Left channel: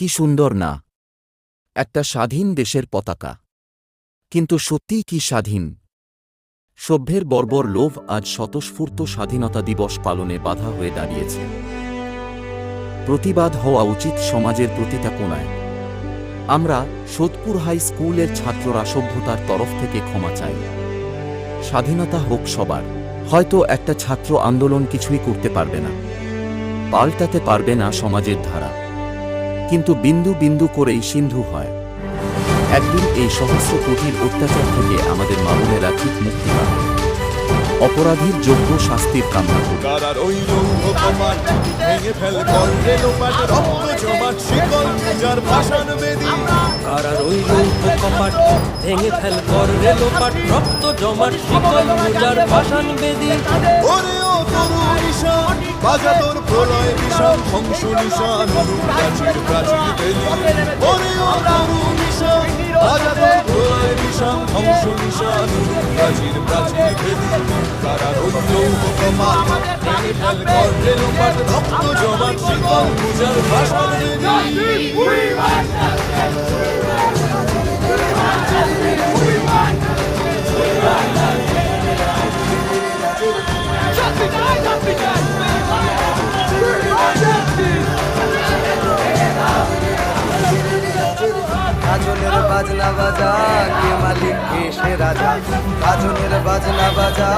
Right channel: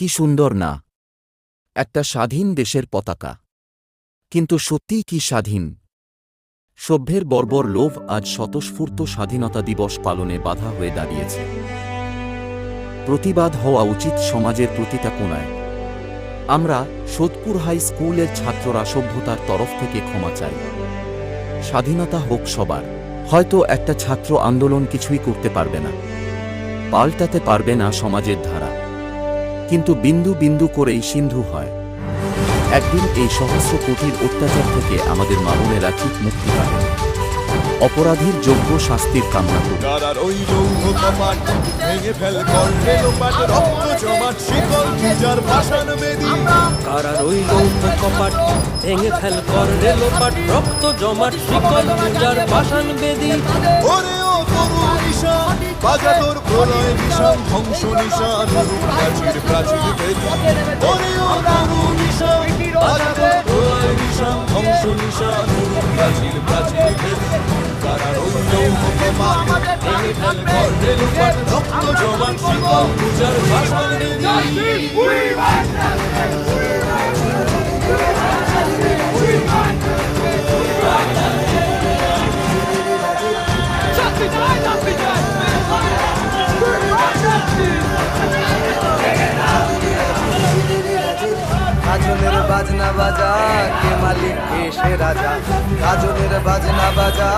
কি সুন্দর না, একটা স্বাধীন দেশের পতাকা। কিন্তু সত্যিই কি স্বাধীন? সভ্যের বর্বর লোভ আজ স্বতঃস্ফূর্ত স্বাধীনতা দিবস পালনে বাধা হয়ে দাঁড়িয়েছে। প্রতিবাদ হওয়া উচিত সমাজের প্রতিটা কোণায়। আমরা সোদপুর হাই স্কুলের ছাত্ররা সভ্যতার তরফ থেকে ক্ষমা চাই। স্বাধীনতা হোক সবার। হয়তো একটা ছাত্র আন্দোলন কিছুই করতে পারবে না, পাল্টাতে পারবে না সমাজের ধারা, কিন্তু বিন্দু বিন্দু করেই সিন্ধু হয়। একদিন এই সহস্র কোটির অত্যাচার থেকে আমাদের মা বোনেরা ঠিক মুক্তি পাবে। অপরাধীর যোগ্য শাস্তির কামনা করি। কারার ওই লৌহ কপাট ভেঙে ফেল কর রেলোপাট, রক্ত জমাট শিকল পূজার পাষাণ বেদী। কারার ওই লৌহ কপাট ভেঙে ফেল কর রেলোপাট, রক্ত জমাট শিকল পূজার পাষাণ বেদী। ওরে ও তরু নিশান, বাজা তোর প্রলয় বিষাণ, ধ্বংস নিশান উরুক প্রাচীর প্রাচীর বেদী। ওরে ও তরু নিশান, বাজা তোর প্রলয় বিষাণ, ধ্বংস নিশান উরুক প্রাচীর প্রাচীর বেদী। কারার ওই লৌহ কপাট ভেঙে ফেল কর রেলোপাট, রক্ত জমাট শিকল পূজার পাষাণ বেদী। কাজলের বাজনা বাজা কে মালিক কে সে রাজা, কাজলের বাজনা বাজা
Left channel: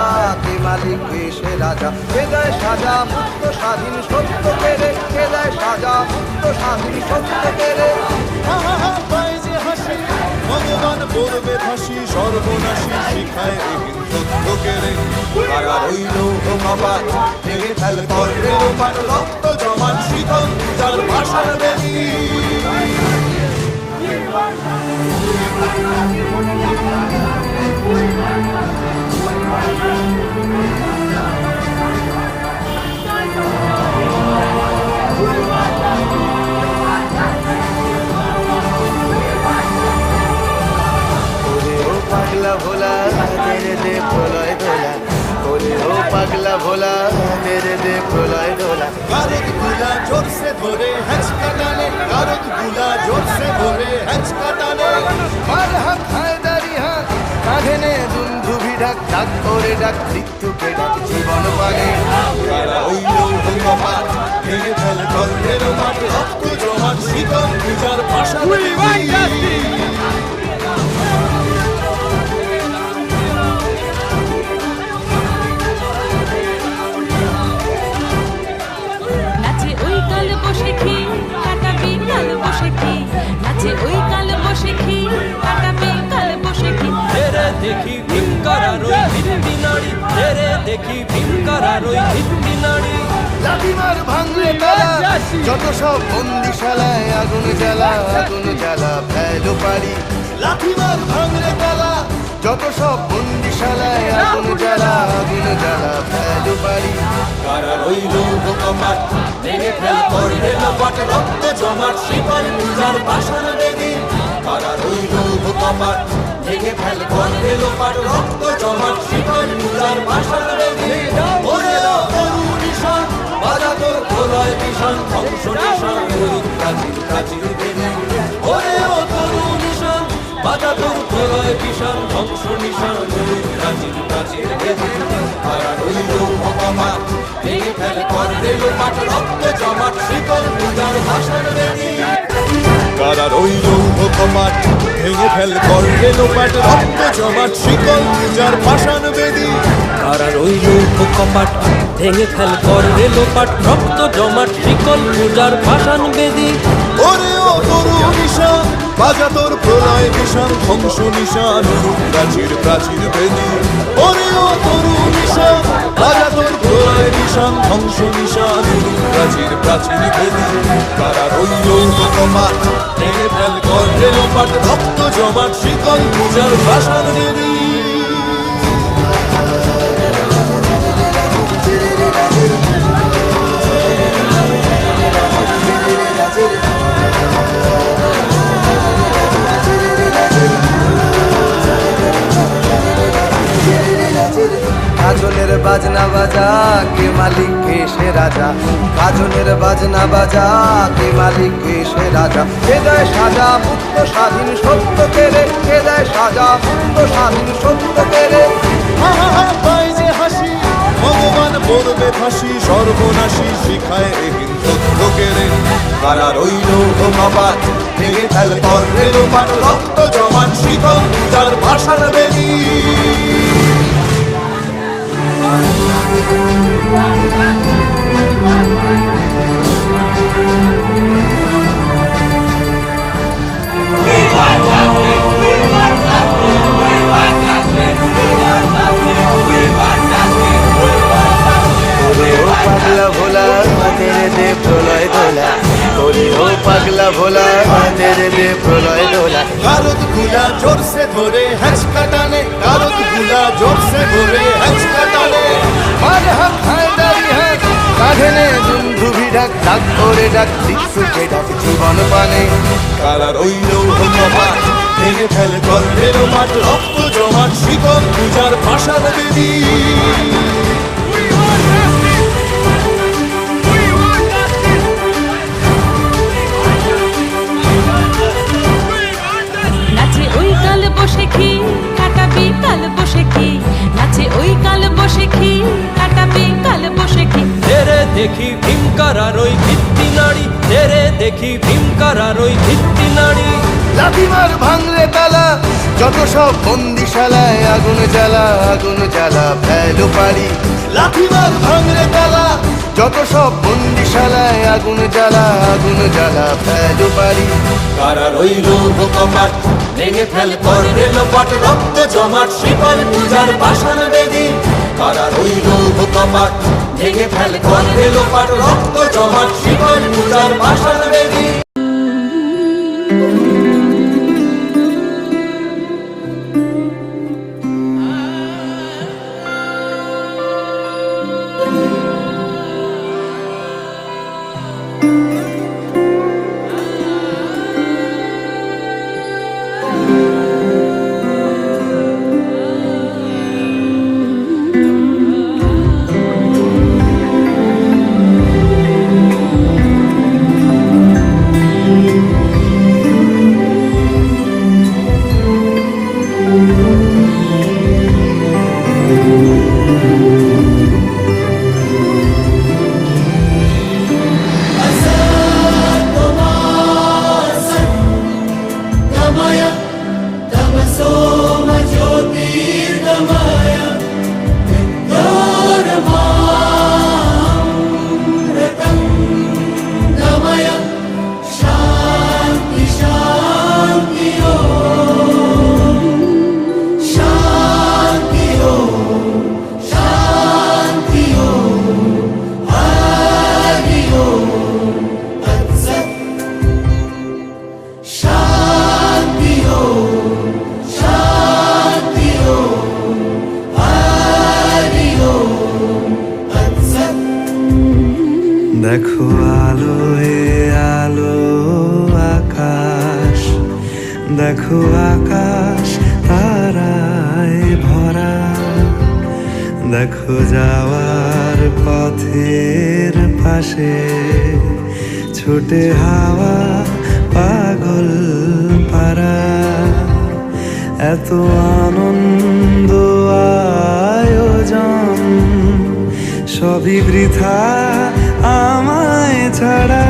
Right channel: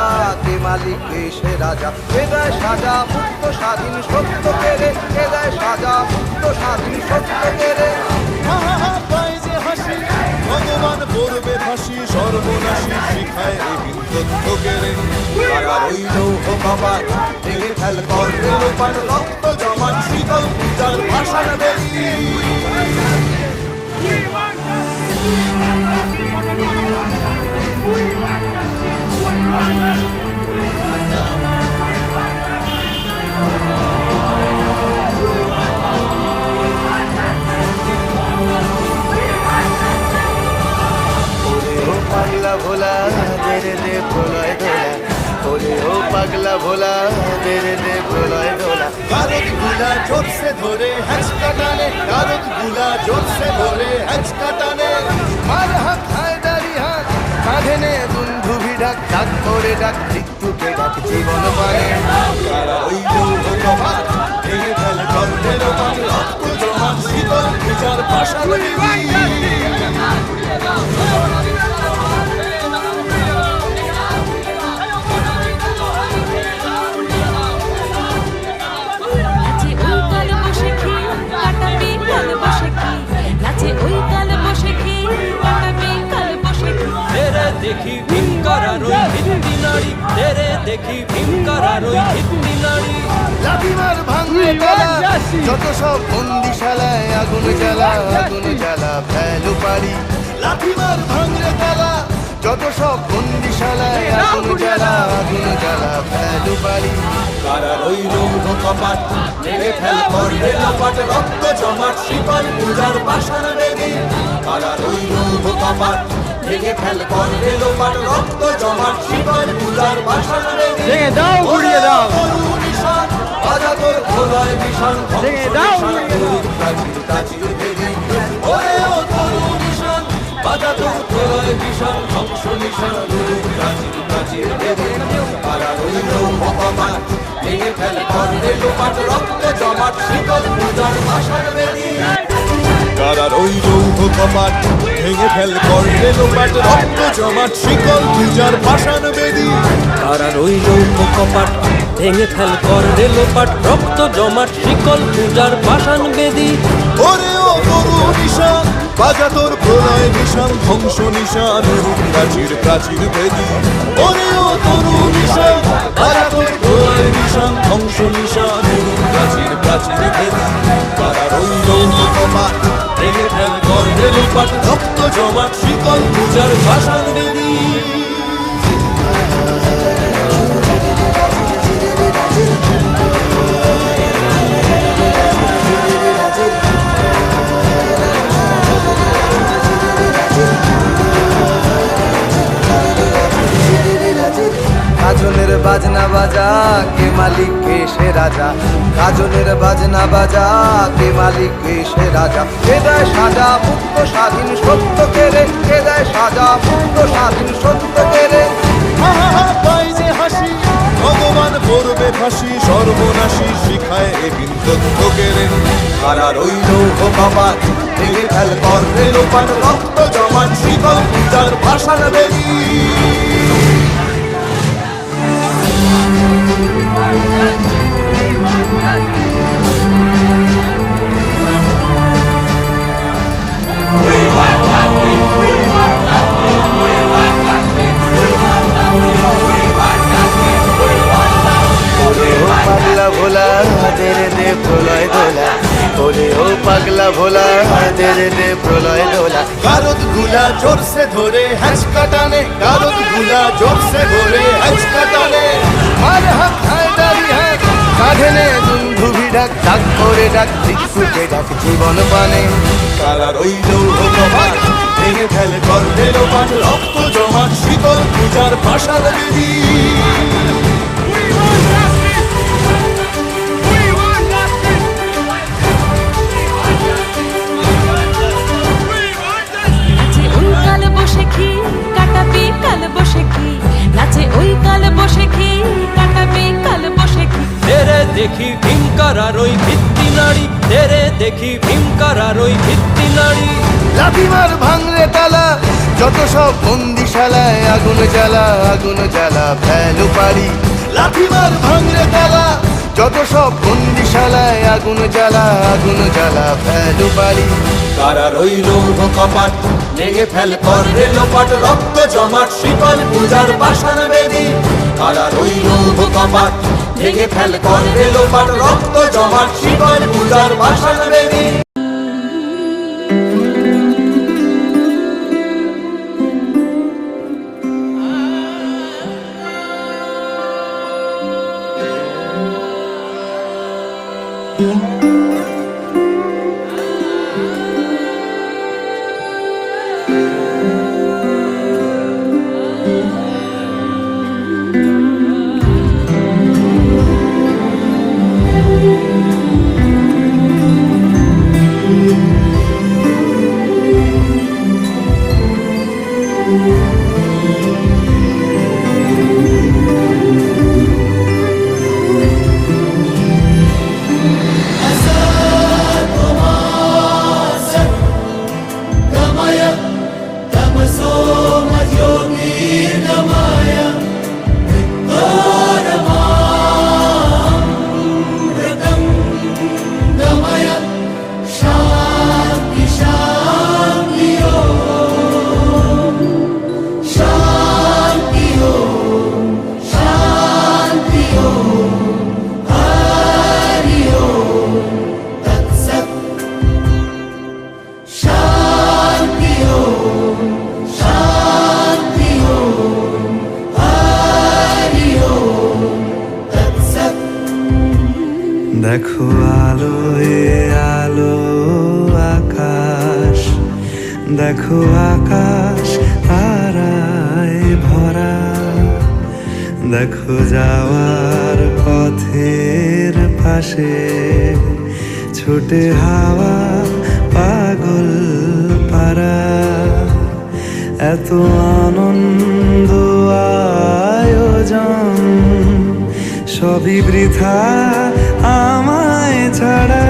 কে মালিক কে সে রাজা। কে দেয় সাজা মুক্ত স্বাধীন সত্য কেড়ে, কে দেয় সাজা মুক্ত স্বাধীন সত্য কেড়ে। হা হা হা পায় যে হাসি, ভগবান পড়বে ফাঁসি, সর্বনাশী শিখায় এহীন তথ্য কেড়ে। কারার ওই লৌহ কপাট ভেঙে ফেল কর রেলোপাট, রক্ত জমাট শিকল পূজার পাষাণ বেদী। ওরে ও পাগলা ভোলা দে রে দে প্রলয় দোলা, ওরে ও পাগলা ভোলা দে রে দে প্রলয় দোলা। কারত গুলা জোরসে ধরে হ্যাচকা টানে, কারত গুলা জোরসে ধরে হ্যাচকা টানে। মার হাত হায়দারি হাত কাঁধে নে দুন্ধুভি ডাক, ডাক ওরে ডাক মৃত্যুকে ডাক জীবন পানে। কারার ওই লৌহ কপাট ভেঙে ফেল কর রেলোপাট, রক্ত জমাট শিকল পূজার পাষাণ বেদী। নাচে ওই কাল বসে কি কাটাবি কাল বসে কি, নাচে ওই কাল বসে কি কাটাবি কাল বসে কি। তেরে দেখি ভীমকারার ওই ভিত্তি নাড়ি, তেরে দেখি ভীমকারার ওই ভিত্তি নাড়ি। লাথিমার ভাঙলে তালা যত সব বন্দিশালায়, আগুন জ্বালা আগুন জ্বালা ফেলো পারি। লাথিমার ভাঙলে তালা যত সব বন্দিশালায়, আগুন জ্বালা আগুন জ্বালা ফেলো পারি। কারার ওই লৌহ কপাট ভেঙে ফেল কর রেলোপাট, রক্ত জমাট শিকল পূজার পাষাণ বেদী। কারার ওই লৌহ কপাট ভেঙে ফেল কর রেলোপাট, রক্ত জমাট শিকল পূজার পাষাণ বেদী। ওরে ও তরু নিশান, বাজা তোর প্রলয় বিষাণ, ধ্বংস নিশান উরুক প্রাচীর প্রাচীর বেদী। ওরে ও তরু নিশান, বাজা তোর প্রলয় বিষাণ, ধ্বংস নিশান উরুক প্রাচীর প্রাচীর বেদী। কারার ওই লৌহ কপাট ভেঙে ফেল কর রেলোপাট, রক্ত জমাট শিকল পূজার পাষাণ বেদী। কারার ওই লৌহ কপাট ভেঙে ফেল কর রেলোপাট, রক্ত জমাট শিকল পূজার পাষাণ বেদী। কারার ওই লৌহ কপাট ভেঙে ফেল কর রেলোপাট, রক্ত জমাট শিকল পূজার পাষাণ বেদী। ওরে ও তরু নিশান, বাজা তোর প্রলয় বিষাণ, ধ্বংস নিশান উরুক প্রাচীর প্রাচীর বেদী। ওরে ও তরু নিশান, বাজা তোর প্রলয় বিষাণ, ধ্বংস নিশান উরুক প্রাচীর প্রাচীর বেদী। কারার ওই লৌহ কপাট ভেঙে ফেল কর রেলোপাট, রক্ত জমাট শিকল পূজার পাষাণ বেদী। গাজনের বাজনা বাজা কে মালিক কে সে রাজা গাজনের বাজনা বাজা কে মালিক কে সে রাজা কে দেয় সাজা মুক্ত স্বাধীন সত্য কেড়ে কে দেয় সাজা মুক্ত স্বাধীন সত্য কেড়ে হা হা হা পাই যে হাসি ভগবান পড়বে ফাঁসি সর্বনাশী শিখায় এহীন তথ্য কেড়ে কারা রইল কপাট ভেঙে ফেল কর রেলোপাট রক্ত জমাট শিকল পূজার পাষাণ বেদী ওরে ও পাগলা ভোলা দেরে দে প্রলয় দোলা ওরে ও পাগলা ভোলা দেরে দে প্রলয় দোলা কারত গুলা জোরসে ধরে হ্যাচকা টানে কারত গুলা জোরসে ধরে হ্যাচকা টানে মার হাত হায়দারি হাত কাঁধে নে দুন্ধুভি ডাক ডাক ওরে ডাক দিকসুকে ডাক জীবন পানে কারা রইল কপাট ভেঙে ফেল কর রেলোপাট রক্ত জমাট শিকল পূজার পাষাণ বেদী নাচে ওই কাল বসে কি কাটাবি কাল বসে কি নাচে ওই কাল বসে কি কাটাবি কাল বসে কি তেরে দেখি ভীমকারার ওই ভিত্তি নাড়ি তেরে দেখি ভীমকারার ওই ভিত্তি নাড়ি লাথিমার ভাঙরে তালা যত সব বন্দিশালায় আগুন জ্বালা ফেলো পারি লাথিমার ভাঙরে তালা যত সব বন্দিশালায় আগুন জ্বালা ফেলো পারি কারা রইল কপাট ভেঙে ফেল কর রেলোপাট রক্ত জমাট শিকল পূজার পাষাণ বেদী কারা রইল কপাট ভেঙে ফেল কর রেলোপাট রক্ত জমাট শিকল পূজার পাষাণ বেদী দেখো আলোয় আলো আকাশ দেখো আকাশ তারায় ভরা দেখো যাওয়ার পথের পাশে ছোটে হাওয়া পাগল পারা এত আনন্দ আয়োজন সবই বৃথা আমায় ছাড়া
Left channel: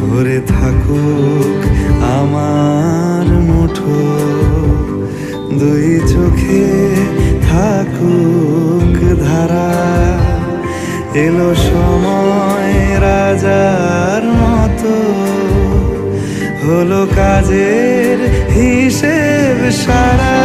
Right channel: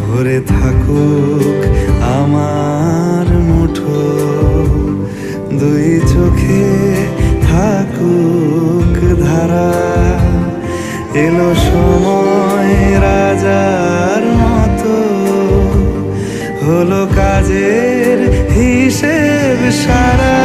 ভরে থাকুক আমার মুঠো দুই চোখে থাকুক ধারা এলো সময় রাজার মতো হলো কাজের হিসেব সারা